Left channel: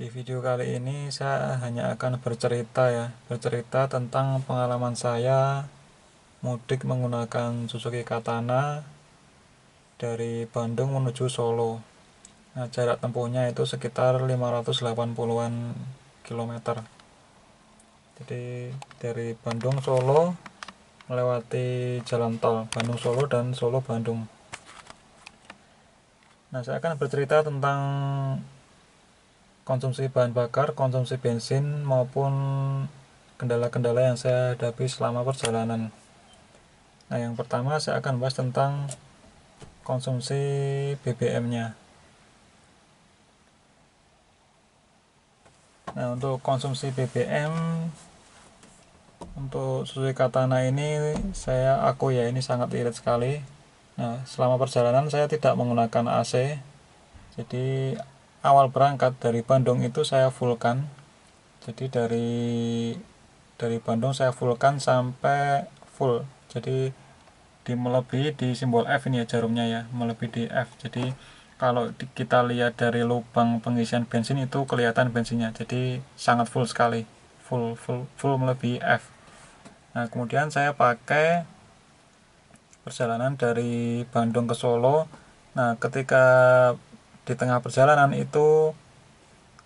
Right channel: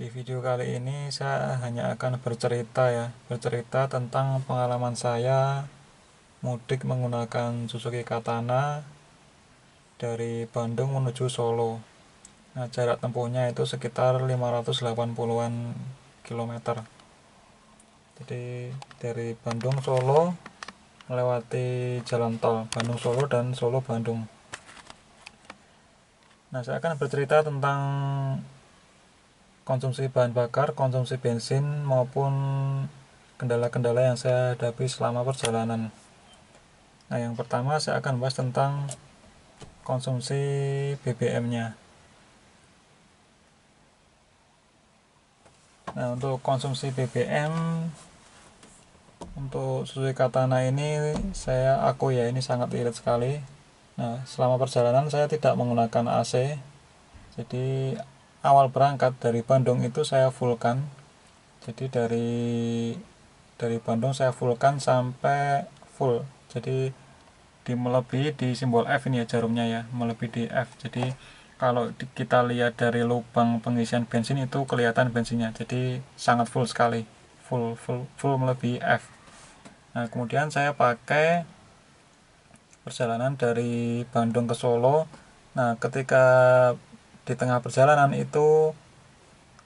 Di video kali ini saya hanya akan bercerita tentang pengalaman saya mudik menggunakan Suzuki Katana dari Bandung menuju Solo. Nah, jarak tempuhnya itu sekitar 580-an kilometer. Jadi dari Bandung Solo melewati jalan tol Bandung Solo dan Solo Bandung. Nah, saya akan bercerita tentang konsumsi bahan bakar, konsumsi bensin maupun kendala-kendala yang saya hadapi selama perjalanan. Nah, yang pertama saya akan bahas tentang konsumsi BBM-nya. Nah, untuk konsumsi BBM untuk Suzuki Katana ini ini sangat irit sekali. Nah, selama perjalanan saya tidak menggunakan AC. Jadi awal berangkat dari Bandung itu saya fullkan. Jadi dari Bandung saya fullkan sampai full. Jadi melebihi di simbol F ini ya, jarumnya ya, melebihi di F. Jadi kalau kita lihat dari lubang pengisian bensin itu kelihatan bensinnya. Jadi sangat full sekali, full melebihi F. Nah, kemudian saya pakai perjalanan dari Bandung ke Solo. Nah, ketika di tengah perjalanan itu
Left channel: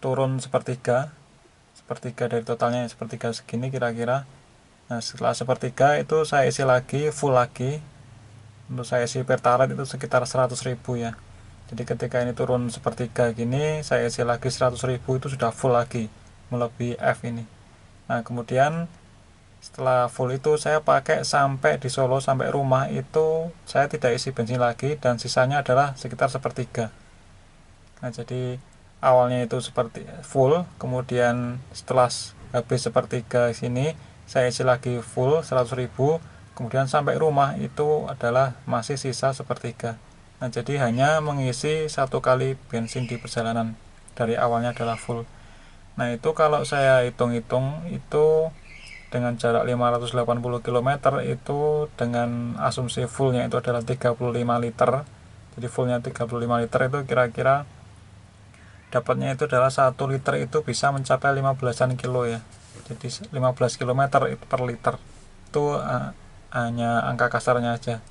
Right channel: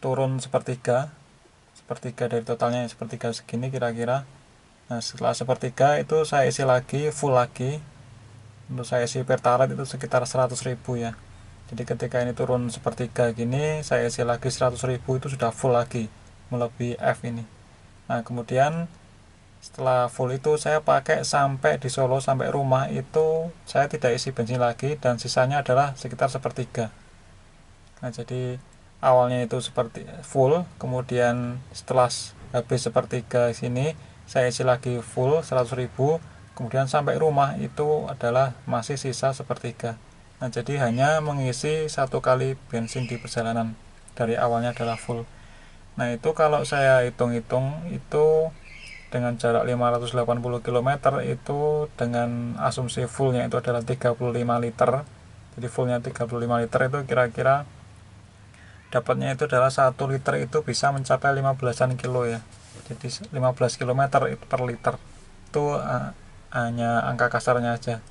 turun sepertiga dari totalnya, sepertiga segini kira-kira. Nah, setelah sepertiga itu saya isi lagi, full lagi. Untuk saya isi Pertalite itu sekitar 100.000 ya. Jadi ketika ini turun sepertiga gini, saya isi lagi 100.000, itu sudah full lagi, melebihi F ini. Nah, kemudian setelah full itu saya pakai sampai di Solo, sampai rumah itu saya tidak isi bensin lagi, dan sisanya adalah sekitar sepertiga. Nah, jadi awalnya itu seperti full, kemudian setelah habis sepertiga sini saya isi lagi full 100.000, kemudian sampai rumah itu adalah masih sisa sepertiga. Nah, jadi hanya mengisi satu kali bensin di perjalanan, dari awalnya adalah full. Nah, itu kalau saya hitung-hitung itu dengan jarak 580 km itu dengan asumsi fullnya itu adalah 35 liter. Jadi fullnya 35 liter itu kira-kira dapatnya itu adalah 1 liter itu bisa mencapai 15-an kilo ya. Jadi 15 km itu per liter. Itu hanya angka kasarnya aja.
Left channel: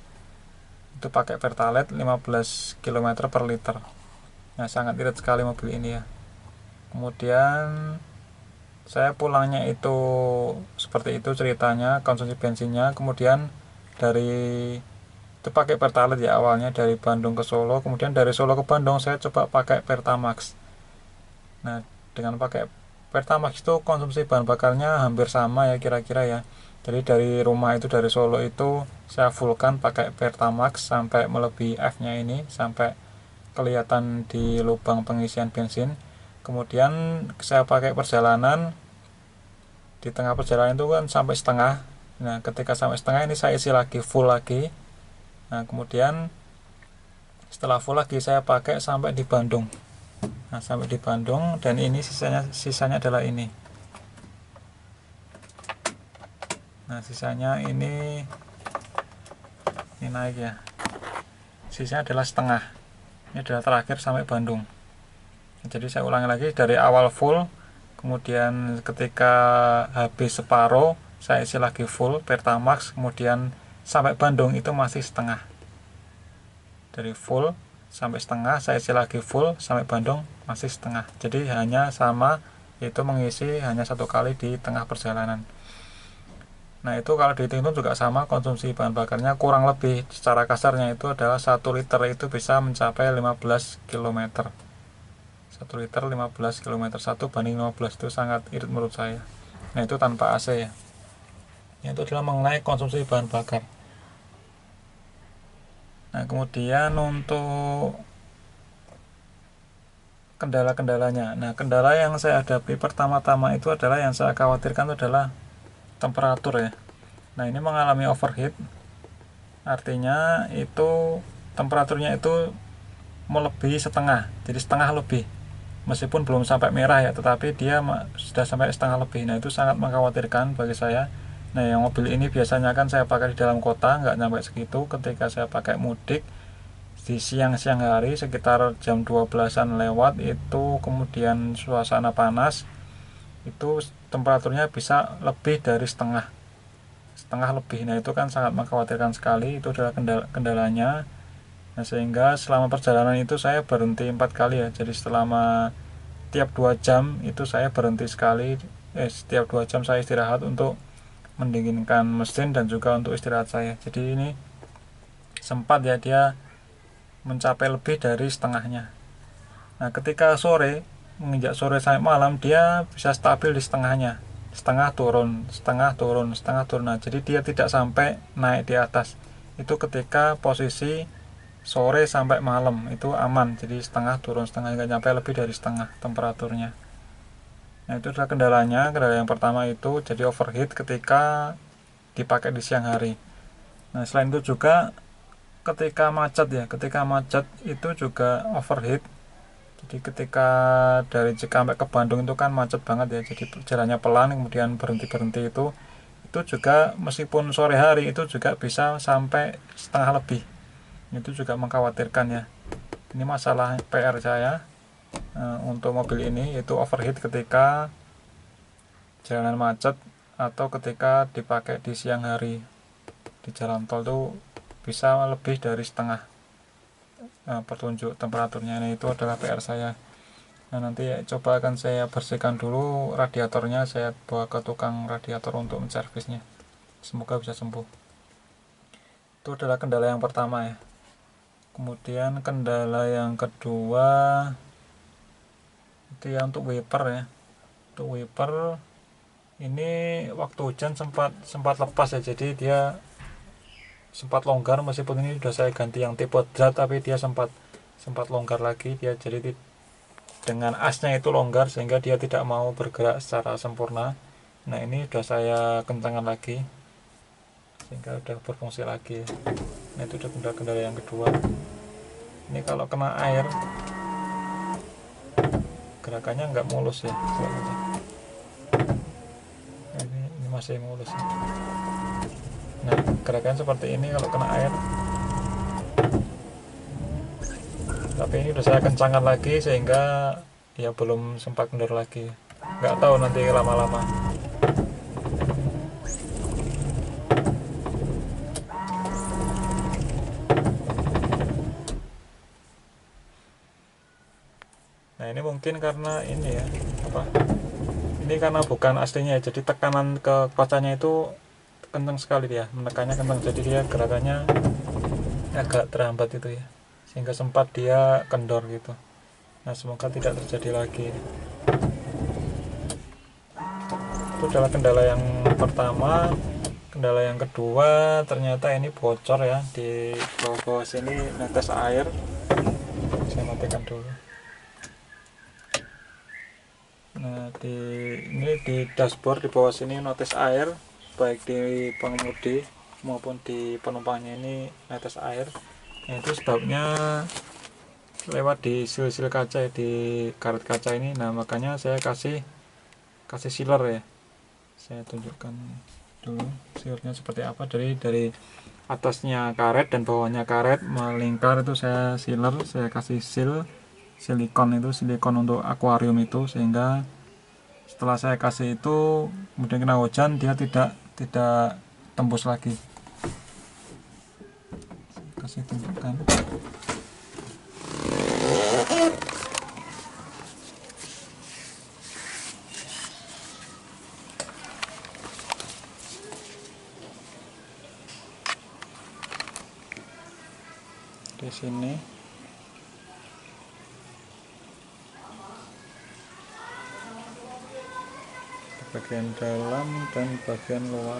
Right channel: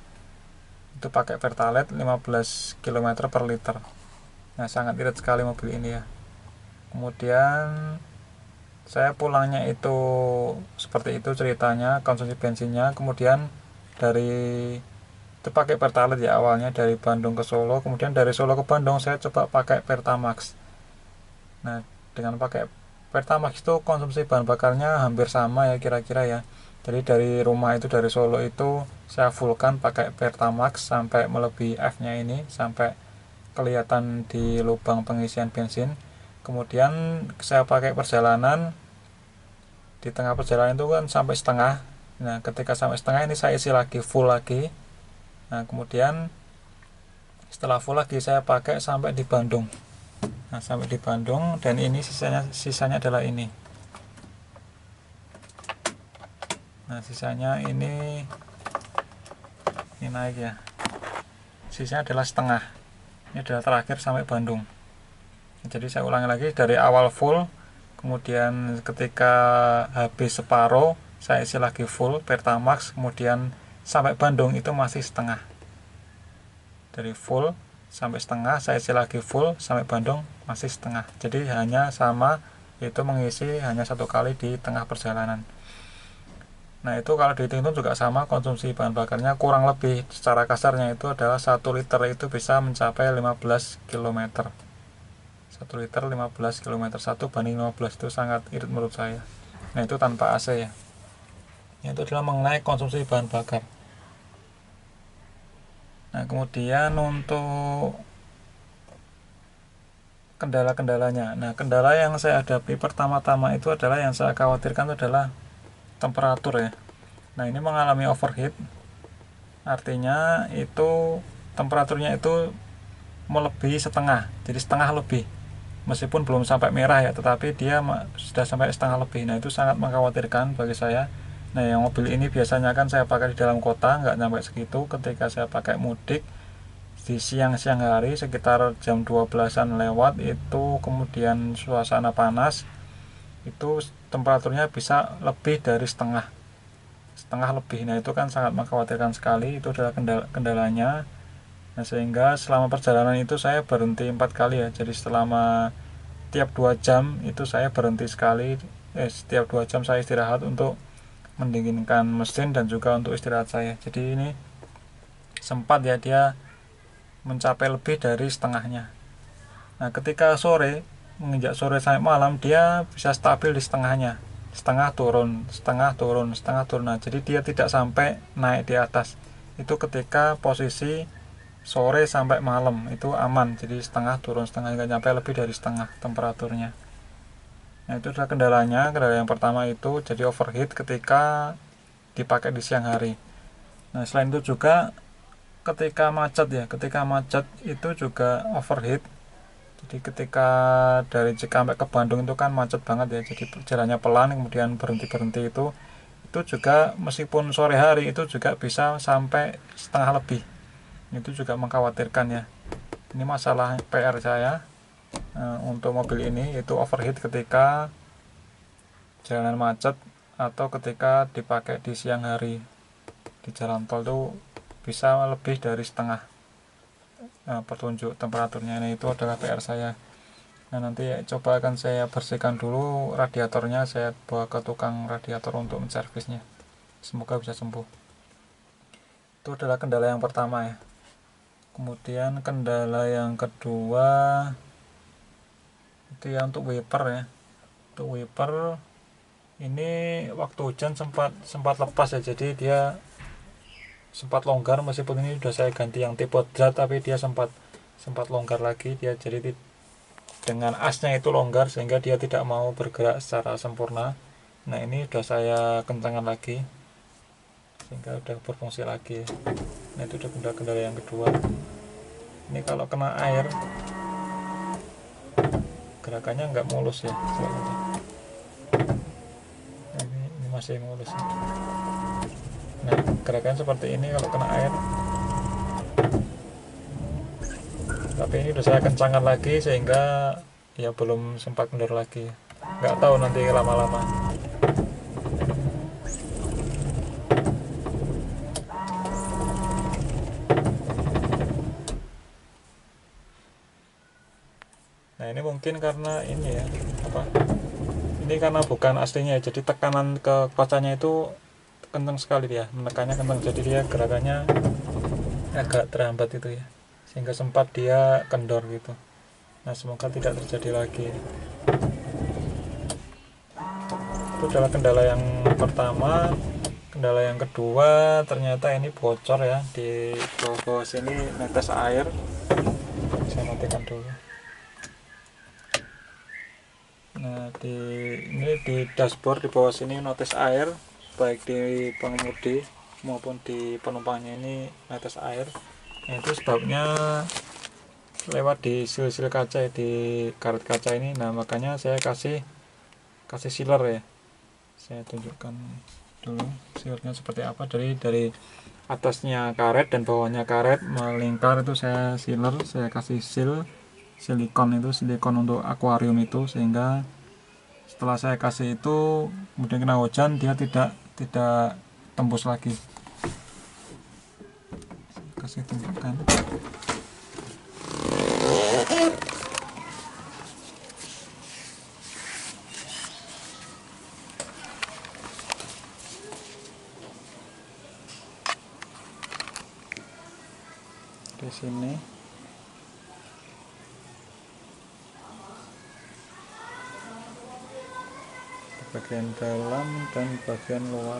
Itu pakai Pertalite 15 km per liter. Nah, sangat irit sekali mobil ini ya. Kemudian saya pulangnya itu seperti itu ceritanya, konsumsi bensinnya. Kemudian itu pakai Pertalite ya awalnya, dari Bandung ke Solo. Kemudian dari Solo ke Bandung saya coba pakai Pertamax. Nah, dengan pakai Pertamax itu konsumsi bahan bakarnya hampir sama ya kira-kira ya. Jadi dari rumah itu, dari Solo itu saya fullkan pakai Pertamax sampai melebihi F-nya ini, sampai kelihatan di lubang pengisian bensin. Kemudian saya pakai perjalanan, di tengah perjalanan itu kan sampai setengah. Nah, ketika sampai setengah ini saya isi lagi, full lagi. Nah, kemudian setelah full lagi saya pakai sampai di Bandung. Nah, sampai di Bandung, dan ini sisanya adalah ini. Nah, sisanya ini naik ya. Sisanya adalah setengah. Ini adalah terakhir sampai Bandung. Jadi saya ulangi lagi, dari awal full, kemudian ketika habis separuh saya isi lagi full Pertamax, kemudian sampai Bandung itu masih setengah. Dari full sampai setengah saya isi lagi full, sampai Bandung masih setengah. Jadi hanya sama, yaitu mengisi hanya satu kali di tengah perjalanan. Nah, itu kalau dihitung juga sama, konsumsi bahan bakarnya kurang lebih secara kasarnya itu adalah 1 liter itu bisa mencapai 15 km. 1 liter 15 km, 1 banding 15, itu sangat irit menurut saya. Nah, itu tanpa AC ya. Itu adalah mengenai konsumsi bahan bakar. Nah, kemudian untuk kendala-kendalanya. Nah, kendala yang saya hadapi pertama-tama itu adalah, yang saya khawatirkan itu adalah temperatur ya. Nah, ini mengalami overheat. Artinya itu temperaturnya itu melebihi setengah. Jadi setengah lebih. Meskipun belum sampai merah ya, tetapi dia sudah sampai setengah lebih. Nah, itu sangat mengkhawatirkan bagi saya. Nah, yang mobil ini biasanya kan saya pakai di dalam kota, nggak sampai segitu. Ketika saya pakai mudik, di siang-siang hari sekitar jam 12-an lewat itu, kemudian suasana panas, itu temperaturnya bisa lebih dari setengah lebih. Nah itu kan sangat mengkhawatirkan sekali, itu adalah kendalanya. Nah sehingga selama perjalanan itu saya berhenti 4 kali ya, jadi selama tiap 2 jam itu saya berhenti sekali. Setiap 2 jam saya istirahat untuk mendinginkan mesin dan juga untuk istirahat saya. Jadi ini sempat ya dia mencapai lebih dari setengahnya. Nah ketika sore, menginjak sore sampai malam, dia bisa stabil di setengahnya, setengah turun, setengah turun, setengah turun. Nah jadi dia tidak sampai naik di atas. Itu ketika posisi sore sampai malam itu aman, jadi setengah turun setengah, nggak nyampe lebih dari setengah temperaturnya. Nah itu adalah kendala yang pertama, itu jadi overheat ketika dipakai di siang hari. Nah selain itu juga ketika macet itu juga overheat. Jadi ketika dari Cikampek ke Bandung itu kan macet banget ya, jadi jalannya pelan, kemudian berhenti itu juga meskipun sore hari itu juga bisa sampai setengah lebih. Itu juga mengkhawatirkan ya. Ini masalah PR saya untuk mobil ini, yaitu overheat ketika jalanan macet atau ketika dipakai di siang hari di jalan tol, itu bisa lebih dari setengah petunjuk temperaturnya. Nah itu adalah PR saya. Nah nanti coba akan saya bersihkan dulu radiatornya, saya bawa ke tukang radiator untuk menservisnya, semoga bisa sembuh. Itu adalah kendala yang pertama ya. Kemudian kendala yang kedua itu ya untuk wiper ya. Untuk wiper ini waktu hujan sempat lepas ya, jadi dia sempat longgar, meskipun ini sudah saya ganti yang tipe drat, tapi dia sempat longgar lagi dia, jadi dengan asnya itu longgar sehingga dia tidak mau bergerak secara sempurna. Nah ini sudah saya kencangkan lagi sehingga sudah berfungsi lagi. Nah itu udah kendala yang kedua. Ini kalau kena air gerakannya nggak mulus ya, ini masih mulus ya. Nah gerakan seperti ini kalau kena air, tapi ini udah saya kencangkan lagi sehingga ya belum sempat kendor lagi, nggak tahu nanti lama-lama. Nah ini mungkin karena ini ya, ini karena bukan aslinya, jadi tekanan ke kacanya itu kencang sekali, dia menekannya kencang, jadi dia gerakannya agak terhambat itu ya, sehingga sempat dia kendor gitu. Nah semoga tidak terjadi lagi. Itu adalah kendala yang pertama. Kendala yang kedua, ternyata ini bocor ya, di bawah sini netes air. Saya matikan dulu. Nah ini di dashboard di bawah sini notis air, baik di pengemudi maupun di penumpangnya ini netes air. Nah, itu sebabnya lewat di sil-sil kaca ya, di karet kaca ini. Nah makanya saya kasih sealer ya, saya tunjukkan dulu sealernya seperti apa. Dari atasnya karet dan bawahnya karet melingkar, itu saya sealer, saya kasih silikon untuk akuarium itu, sehingga setelah saya kasih itu kemudian kena hujan dia tidak tembus lagi. Kasih tunjukkan. Di sini bagian dalam dan bagian luar.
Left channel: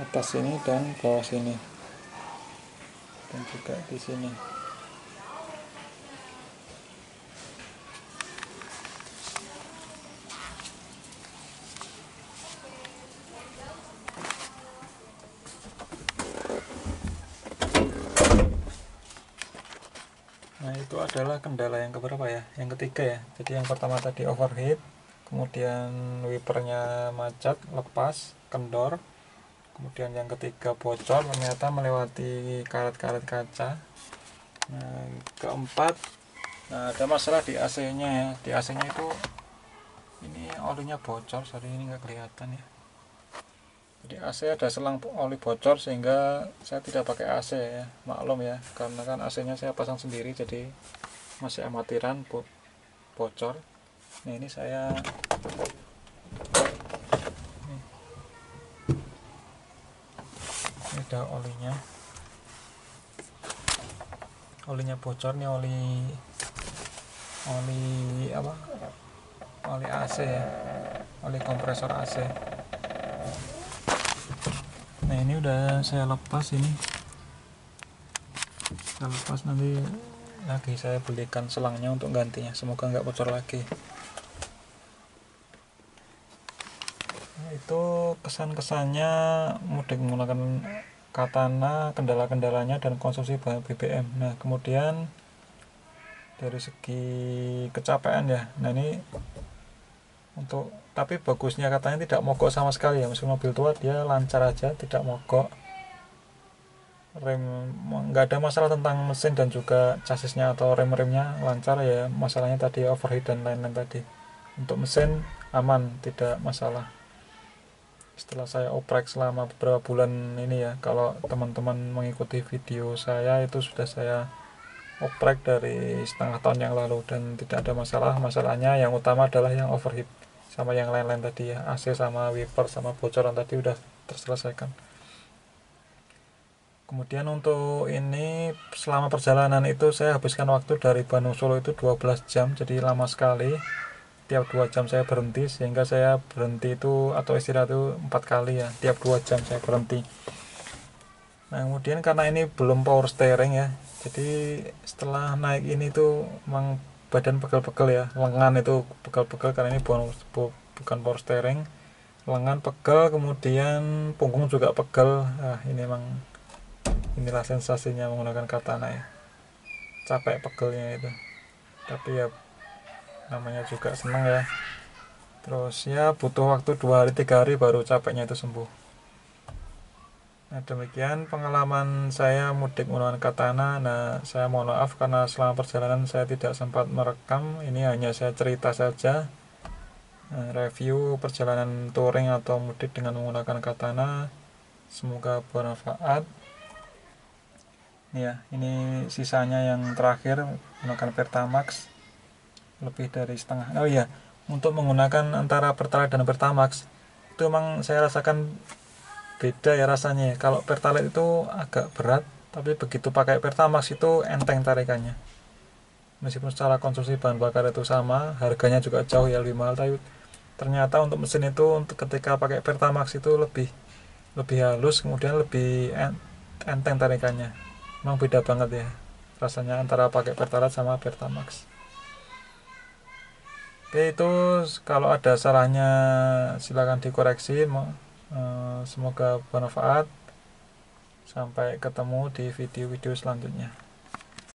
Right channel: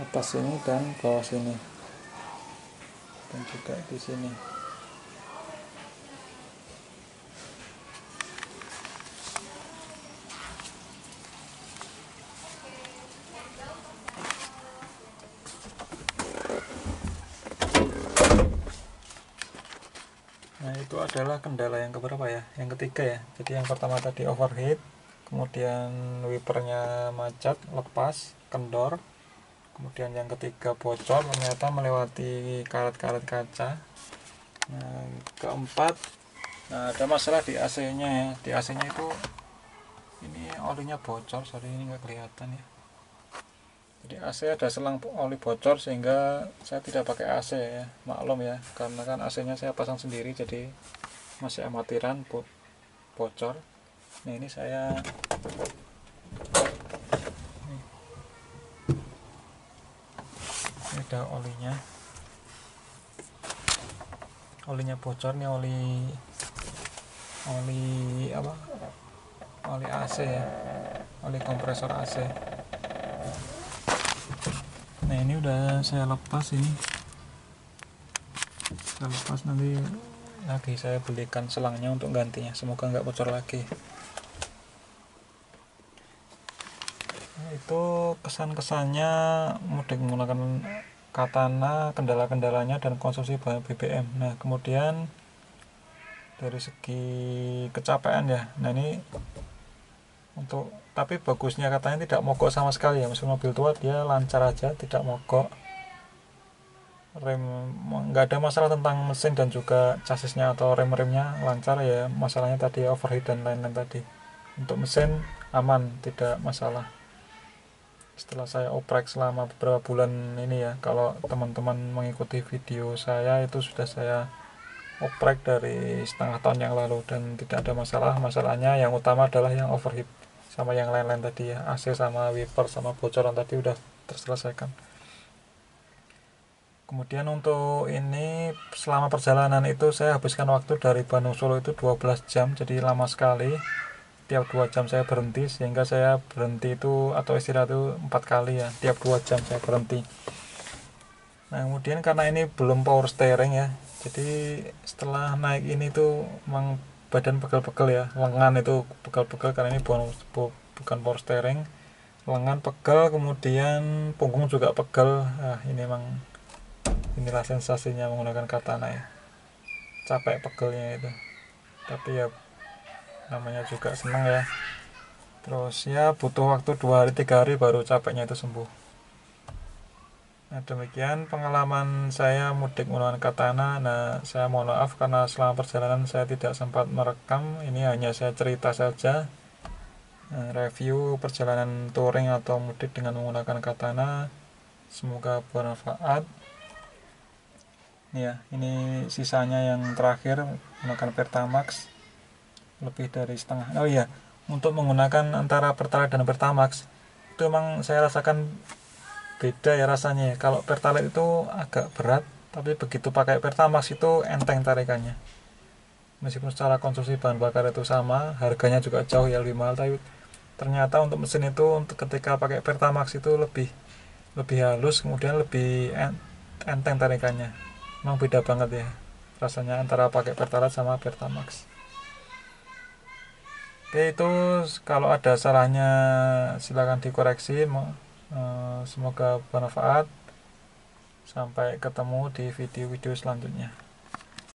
Atas sini dan bawah sini, dan juga di sini. Nah itu adalah kendala yang keberapa ya, yang ketiga ya. Jadi yang pertama tadi overheat, kemudian wipernya macet, lepas, kendor, kemudian yang ketiga bocor, ternyata melewati karet-karet kaca. Nah, keempat, nah ada masalah di AC nya ya. Di AC nya itu ini olinya bocor, sorry ini nggak kelihatan ya. Jadi AC ada selang oli bocor sehingga saya tidak pakai AC ya, maklum ya, karena kan AC nya saya pasang sendiri jadi masih amatiran bocor. Nah ini saya ini ada olinya bocor nih, oli apa, oli AC ya, oli kompresor AC. Nah ini udah saya lepas, nanti lagi saya belikan selangnya untuk gantinya, semoga nggak bocor lagi. Nah, itu kesan-kesannya mudik menggunakan Katana, kendala-kendalanya dan konsumsi bahan BBM. Nah kemudian dari segi kecapean ya, nah ini untuk, tapi bagusnya katanya tidak mogok sama sekali ya, meski mobil tua dia lancar aja, tidak mogok. Rem nggak ada masalah tentang mesin dan juga chassisnya atau rem-remnya lancar ya, masalahnya tadi overheat dan lain-lain tadi. Untuk mesin aman, tidak masalah. Setelah saya oprek selama beberapa bulan ini ya, kalau teman-teman mengikuti video saya itu sudah saya oprek dari setengah tahun yang lalu dan tidak ada masalah. Masalahnya yang utama adalah yang overheat sama yang lain-lain tadi ya, AC sama wiper sama bocoran tadi udah terselesaikan. Kemudian untuk ini selama perjalanan itu saya habiskan waktu dari Bandung Solo itu 12 jam, jadi lama sekali. Tiap 2 jam saya berhenti, sehingga saya berhenti itu atau istirahat itu 4 kali ya, tiap 2 jam saya berhenti. Nah kemudian karena ini belum power steering ya, jadi setelah naik ini tuh memang badan pegel-pegel ya, lengan itu pegel-pegel karena ini bukan power steering, lengan pegel, kemudian punggung juga pegel. Nah ini memang, inilah sensasinya menggunakan Katana ya, capek pegelnya itu, tapi ya namanya juga senang ya. Terus ya butuh waktu 2 hari 3 hari baru capeknya itu sembuh. Nah demikian pengalaman saya mudik menggunakan Katana. Nah saya mohon maaf karena selama perjalanan saya tidak sempat merekam, ini hanya saya cerita saja, review perjalanan touring atau mudik dengan menggunakan Katana. Semoga bermanfaat. Ya ini sisanya yang terakhir menggunakan Pertamax, lebih dari setengah. Oh iya, untuk menggunakan antara Pertalite dan Pertamax itu memang saya rasakan beda ya rasanya. Kalau Pertalite itu agak berat, tapi begitu pakai Pertamax itu enteng tarikannya. Meskipun secara konsumsi bahan bakar itu sama, harganya juga jauh ya lebih mahal, tapi ternyata untuk mesin itu untuk ketika pakai Pertamax itu lebih halus, kemudian lebih enteng tarikannya. Memang beda banget ya rasanya antara pakai Pertalite sama Pertamax. Oke, itu kalau ada salahnya silakan dikoreksi. Semoga bermanfaat. Sampai ketemu di video-video selanjutnya.